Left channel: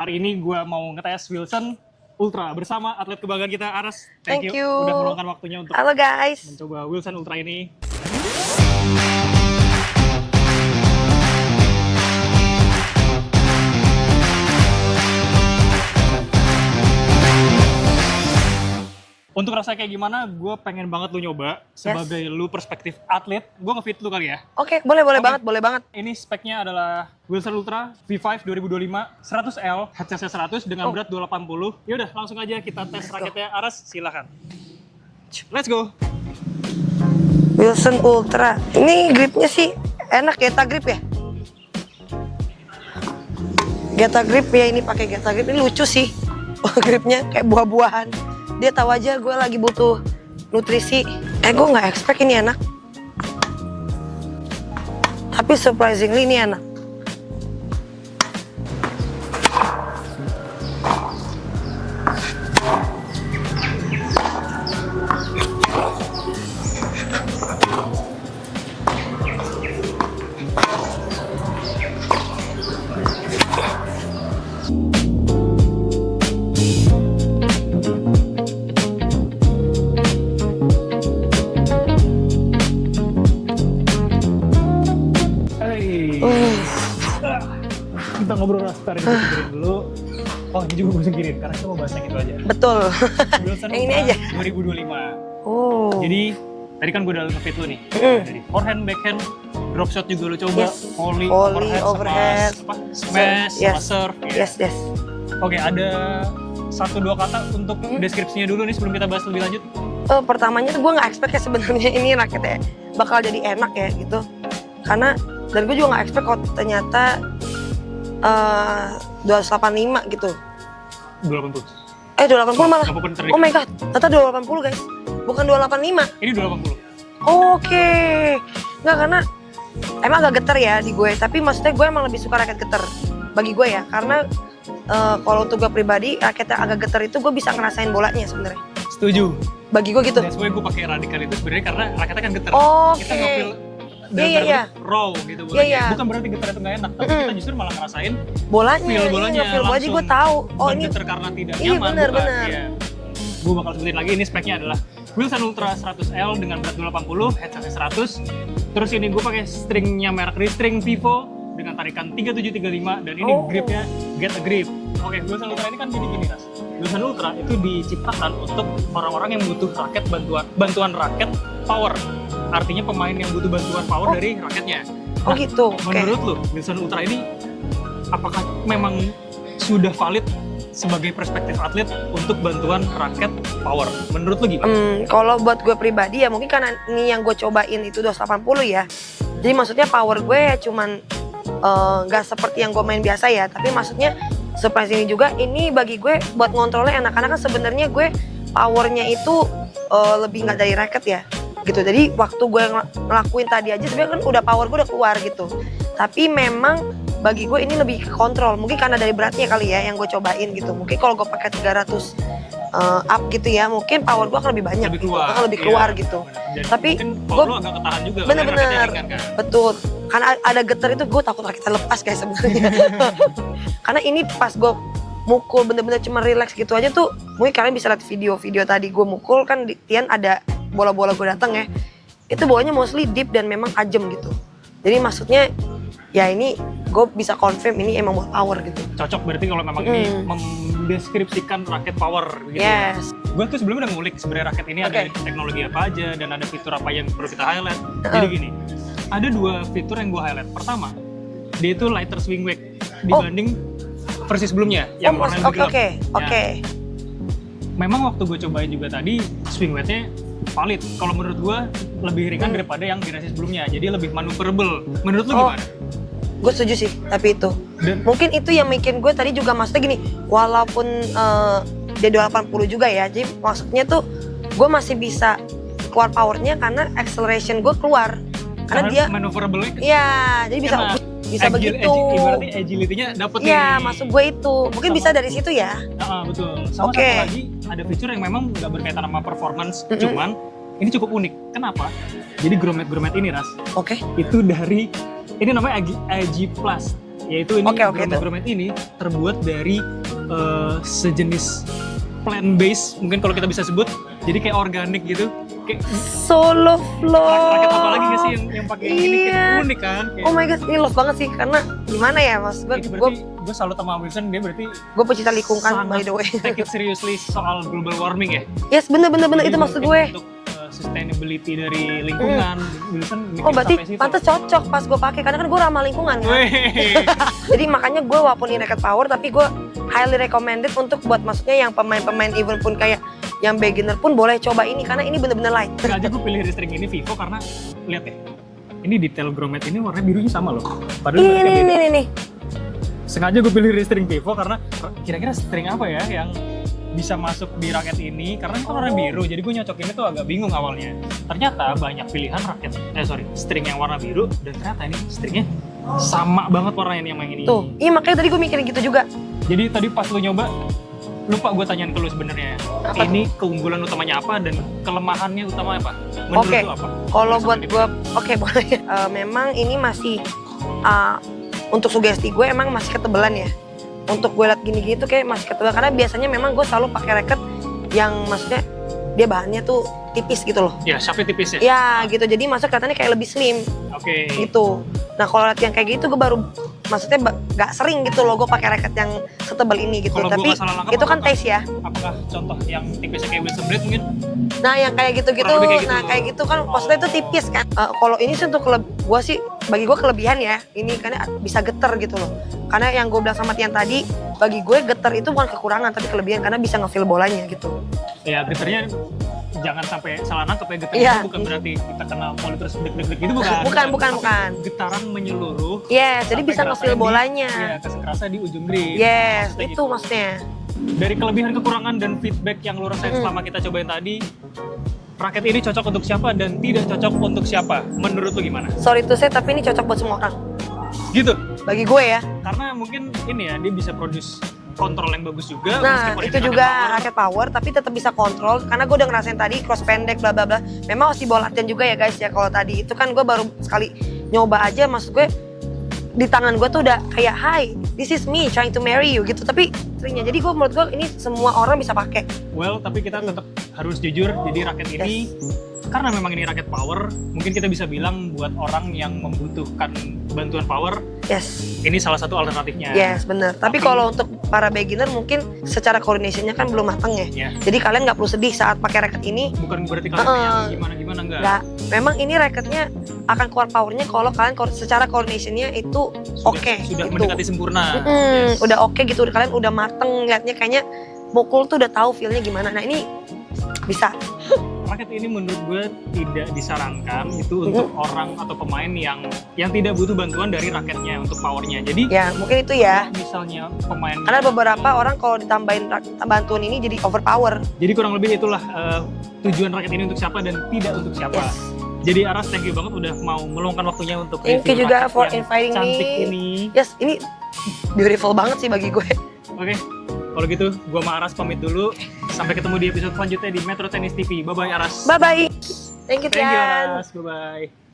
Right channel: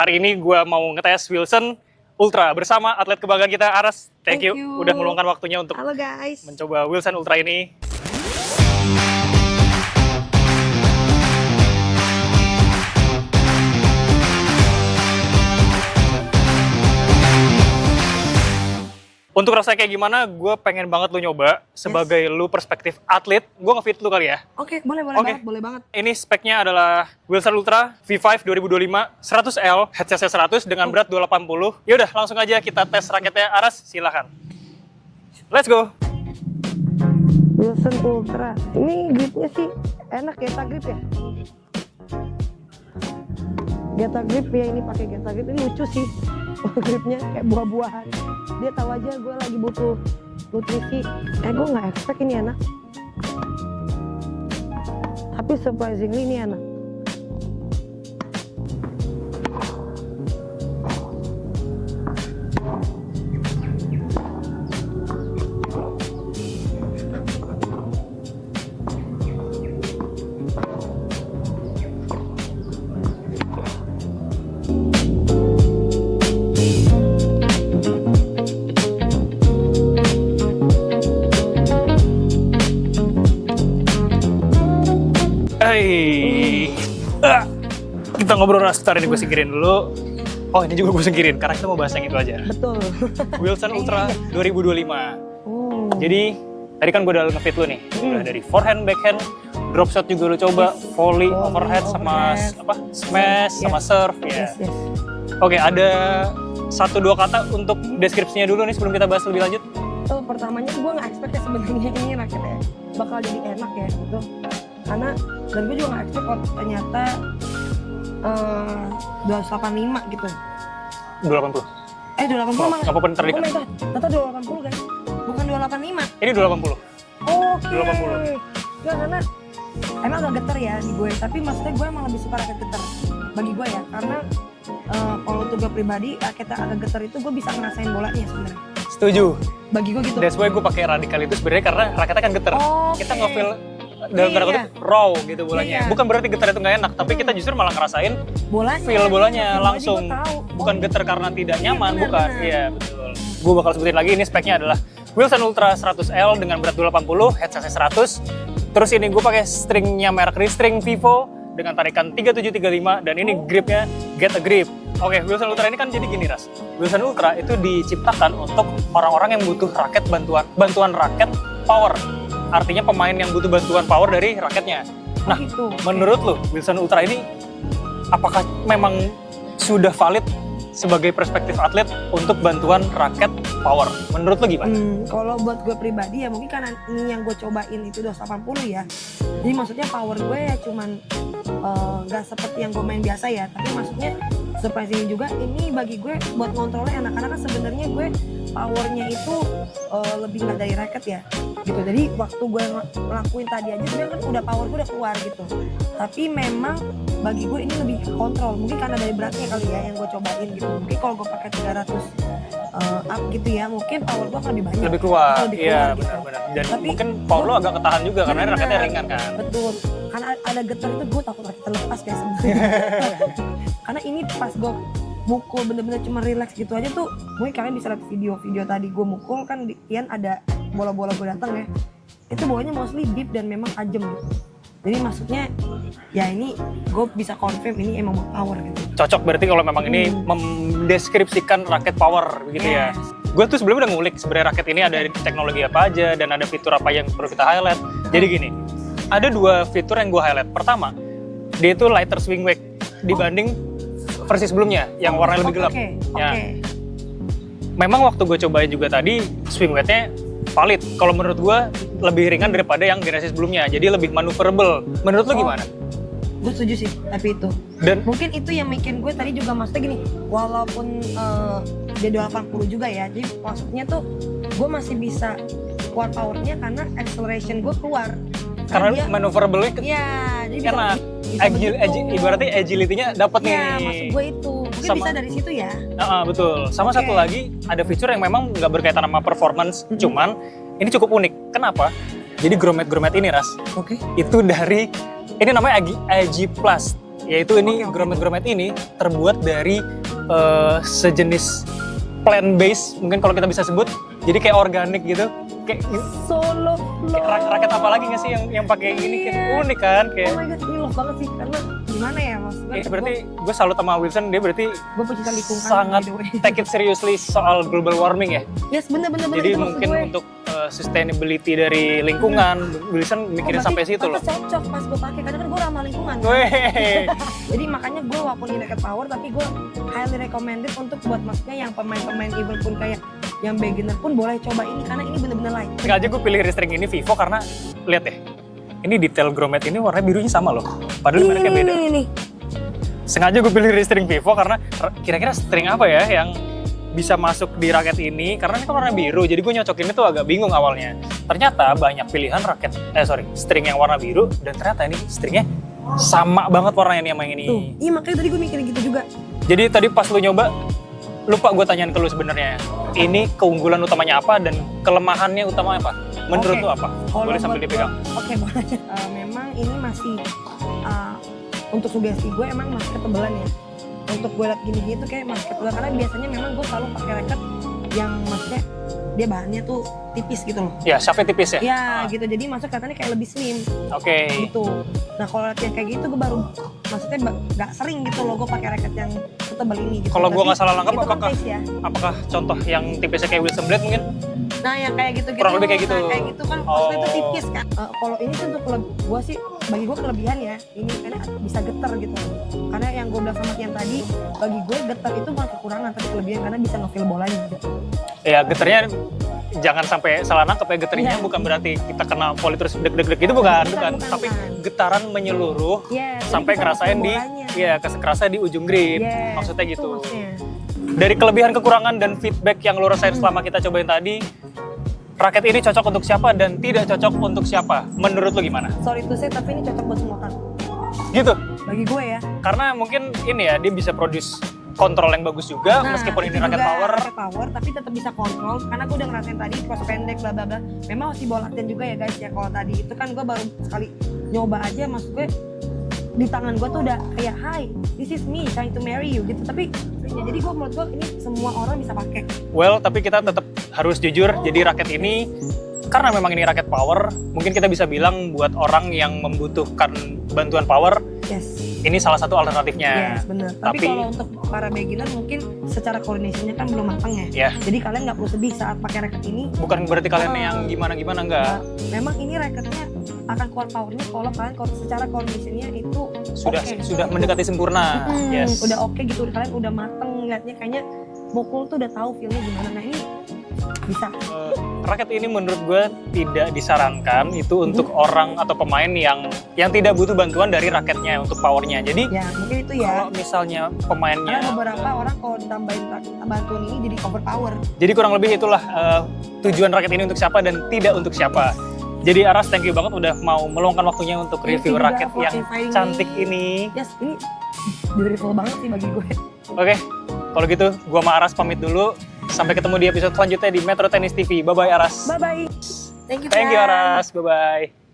Hari ini gue mau ngetes Wilson Ultra bersama atlet kebanggaan kita, Aras. Thank you udah meluangkan waktunya untuk halo guys, mencoba Wilson Ultra ini. Untuk rasanya kayak gimana, gue pengen banget lu nyoba. Sebagai lu perspektif atlet, gue ngefit lu kali ya. Oke, boleh banget. Ini speknya adalah Wilson Ultra V5 2025 100L, headsetnya 100 dengan berat 280. Yaudah, langsung aja kita tes raketnya. Aras, silahkan. Let's go. Wilson Ultra. Ini gripnya sih enak, Geta grip ya. Geta grip ya, ini pakai Geta grip. Ini lucu sih. Gripnya kayak buah-buahan. Dia tahu aja gue lagi butuh nutrisi. Gue nggak expect ini enak. Tapi surprisingly ini enak. Kita ngobrol sebentar, ini gue singkirin dulu. Oh, ini juga gue singkirin karena kita mau bahas yang itu aja. Betul. Wilson Ultra 2025. Oh. Jadi tadi kan gue udah ngefit lu nih. Dari forehand, backhand, drop shot juga lu coba, volley, overhead, sama smash, sama serve. Yes. Oke, ada 1-2 kata untuk deskripsinya dulu nih sebelum kita bahas lebih lanjut. Pertamanya gue nggak expect ya sebenarnya ini raketnya bakal jadi enak ya gitu. Karena dan gue juga nggak expect kalau ternyata 285 gitu. 280. 280 malah. Oh my god, ternyata 280 guys. Bukan 285. Ini 280. Oke. Nggak, karena emang agak geter ya di gue. Tapi maksudnya gue emang lebih suka raket geter. Bagi gue ya, karena kalau untuk gue pribadi raket yang agak geter itu gue bisa ngerasain bolanya sebenarnya. Setuju. Bagi gue gitu. That's why gue pakai radikal itu sebenarnya karena raketnya kan geter. Kita ngefeel Iya. raw gitu bolanya. Iya. Bukan berarti getar itu nggak enak, tapi kita justru malah ngerasain bolanya. feel bolanya langsung. Gue tahu. Bukan getar karena tidak nyaman, bukan. Iya, betul. Gue bakal sebutin lagi, ini speknya adalah Wilson Ultra 100L dengan berat 280, headsetnya 100. Terus ini gue pakai stringnya merek Restring Vivo dengan tarikan 3735 dan ini gripnya Get a Grip. Oke, Wilson Ultra ini kan jadi gini, Ras. Wilson Ultra itu diciptakan untuk orang-orang yang butuh raket bantuan raket power. Artinya pemain yang butuh bantuan power dari raketnya. Nah, gitu. Menurut lo, Wilson Ultra ini apakah memang sudah valid sebagai perspektif atlet untuk bantuan raket power? Menurut lo gimana? Kalau buat gue pribadi ya mungkin karena ini yang gue cobain itu 280 ya. Jadi maksudnya power gue ya cuman nggak seperti yang gue main biasa ya. Tapi maksudnya surprise ini juga, ini bagi gue buat ngontrolnya enak. Karena kan sebenarnya gue powernya itu lebih nggak dari raket ya. Gitu, jadi waktu gue ngelakuin tadi aja sebenarnya kan udah power gue udah keluar gitu. Tapi memang bagi gue ini lebih ke kontrol, mungkin karena dari beratnya kali ya yang gue cobain gitu. Mungkin kalau gue pakai 300 up gitu ya, mungkin power gue akan lebih banyak, lebih keluar gitu. Dan tapi mungkin power lo agak ketahan juga karena raketnya ringan kan. Betul, karena ada getar itu gue takut raketnya lepas guys sebenarnya. Karena ini pas gue mukul bener-bener cuma relax gitu aja tuh, mungkin kalian bisa lihat video-video tadi gue mukul kan di Tian ada bola-bola gue datang ya, itu bolanya mostly deep dan memang tajam gitu. Jadi maksudnya ya ini gue bisa confirm ini emang buat power gitu. Cocok berarti kalau memang ini mendeskripsikan raket power gitu ya. Gue tuh sebelumnya udah ngulik sebenarnya raket ini ada teknologi apa aja dan ada fitur apa yang perlu kita highlight. Jadi gini, ada 2 fitur yang gue highlight. Pertama, dia itu lighter swing weight dibanding versi sebelumnya yang warna lebih gelap. Oke. Memang waktu gue cobain juga tadi swing weightnya valid. Kalau menurut gue lebih ringan daripada yang generasi sebelumnya, jadi lebih maneuverable. Menurut lu gimana? Gue setuju sih, tapi itu. Dan mungkin itu yang bikin gue tadi juga maksudnya gini, walaupun dia 280 juga ya, jadi maksudnya tuh gue masih bisa keluar powernya karena acceleration gue keluar. Karena dia maneuverable-nya. Iya, jadi bisa begitu. Ibaratnya agility-nya dapat nih. Iya, maksud gue itu. Mungkin bisa dari situ ya. Betul. Sama satu lagi, ada fitur yang memang nggak berkaitan sama performance, cuman ini cukup unik. Kenapa? Jadi grommet ini, Ras. Itu dari, ini namanya AG Plus. Yaitu ini Oke, grommet-grommet ini terbuat dari sejenis plant base, mungkin kalau kita bisa sebut. Jadi kayak organik gitu. Kayak Solo flow. raket apa lagi nggak sih yang pakai yang gini? Iya. Kayak unik kan? Kayak, Oh my god, ini love banget sih karena gimana ya mas? berarti gue salut sama Wilson, dia berarti Gue pecinta lingkungan by sangat the way. take it seriously soal global warming ya. Yes bener Jadi itu maksud mungkin gue. untuk sustainability dari lingkungan, Wilson Oh mikir berarti sampai situ loh. pantas cocok pas gue pakai karena kan gue ramah lingkungan kan. Wey. Jadi makanya gue walaupun ini racket power tapi gue highly recommended untuk buat maksudnya yang pemain-pemain even pun kayak yang beginner pun boleh coba ini karena ini bener-bener light. Sengaja gue pilih restring ini Vivo karena lihat deh, ini detail grommet ini warna birunya sama loh. Padahal mereka beda. Ini. Sengaja gue pilih restring Vivo karena kira-kira string apa ya yang bisa masuk di raket ini, karena ini kan warna biru, jadi gue nyocokinnya tuh agak bingung awalnya. Ternyata banyak pilihan string yang warna biru, dan ternyata ini stringnya sama banget warnanya nih sama yang ini. Tuh, iya makanya tadi gue mikirin gitu juga. Jadi tadi pas lu nyoba, lupa gue tanyain ke lu sebenarnya, ini keunggulan utamanya apa dan kelemahannya utamanya apa? Menurut lu apa? Kalau Boleh sambil buat gue, dibilang. oke boleh. Memang ini masih untuk sugesti gue emang masih ketebalan ya. Untuk gue liat gini-gini tuh kayak masih ketebal karena biasanya memang gue selalu pakai racket yang maksudnya dia bahannya tuh tipis gitu loh. Ya, shaftnya tipis ya? Ya gitu, jadi masuk kelihatannya kayak lebih slim Oke. gitu. Nah kalau liat yang kayak gitu gue baru maksudnya gak sering gitu loh gue pakai racket yang setebal ini gitu. Kalau gue Tapi nggak salah langkah, itu kan taste ya. apakah contoh yang tipisnya kayak Wilson Blade mungkin? Nah yang kayak gitu-gitu, Kurang lebih kayak gitu. nah kayak gitu kan maksudnya itu tipis kan. Kalau ini sih untuk gue sih bagi gue kelebihan ya ini karena bisa getar gitu loh. Karena yang gue bilang sama Tian tadi, bagi gue getar itu bukan kekurangan tapi kelebihan karena bisa nge-feel bolanya gitu. Ya getarnya jangan sampai salah nangkep ya, getarnya Iya. itu bukan berarti kita kena volley terus deg-deg gitu bukan. Bukan. Tapi getaran menyeluruh. Yes, jadi sampai bisa kerasa nge-feel bolanya. Iya, kerasa di ujung grip. Yes, Maksudnya itu gitu. maksudnya. Dari kelebihan kekurangan dan feedback yang lo rasain Hmm. selama kita cobain tadi, raket ini cocok untuk siapa dan tidak cocok untuk siapa? Menurut lo gimana? Sorry to say tapi ini cocok buat semua orang. Gitu. Bagi gue ya. Karena mungkin ini ya, dia bisa produce kontrol yang bagus juga, Nah, meskipun itu ini raket juga power. raket power tapi tetap bisa kontrol karena gue udah ngerasain tadi cross pendek bla bla bla. Memang harus dibawa latihan juga ya guys ya. Kalau tadi itu kan gue baru sekali nyoba aja, maksud gue di tangan gue tuh udah kayak hi, this is me trying to marry you gitu. Tapi stringnya jadi gue menurut gue ini semua orang bisa pakai. Well, tapi kita tetap harus jujur, jadi raket ini karena memang ini raket power, mungkin kita bisa bilang buat orang yang membutuhkan bantuan power, Yes. ini salah satu alternatifnya. Yes, bener. Tapi kalau untuk para beginner mungkin secara coordinationnya kan belum matang ya. Ya, Jadi kalian nggak perlu sedih saat pakai racket ini. bukan berarti kalian yang gimana-gimana enggak. Nggak, memang ini racketnya akan keluar powernya kalau kalian secara coordinationnya itu oke. Sudah gitu. mendekati sempurna. Yes. Udah oke gitu, kalian udah mateng liatnya kayaknya mukul tuh udah tahu feelnya gimana. Nah ini bisa. Raket ini menurut gue tidak disarankan itu untuk orang atau pemain yang tidak butuh bantuan dari raketnya untuk powernya. Jadi Ya mungkin itu ya. kalau misalnya pemain, Karena beberapa orang kalau ditambahin bantuan ini jadi overpower. jadi kurang lebih itulah tujuan raket ini untuk siapa dan tidak untuk siapa. Jadi Aras, thank you banget udah mau meluangkan waktunya untuk Thank review you juga raket for yang inviting cantik me. ini. Yes, ini beautiful banget sih bagi gue. Oke, kalau gitu gua sama Aras pamit dulu. Sampai ketemu di episode selanjutnya di Metro Tennis TV. Bye-bye Aras. Bye bye. Thank you Thank you Tian. Aras. Bye-bye.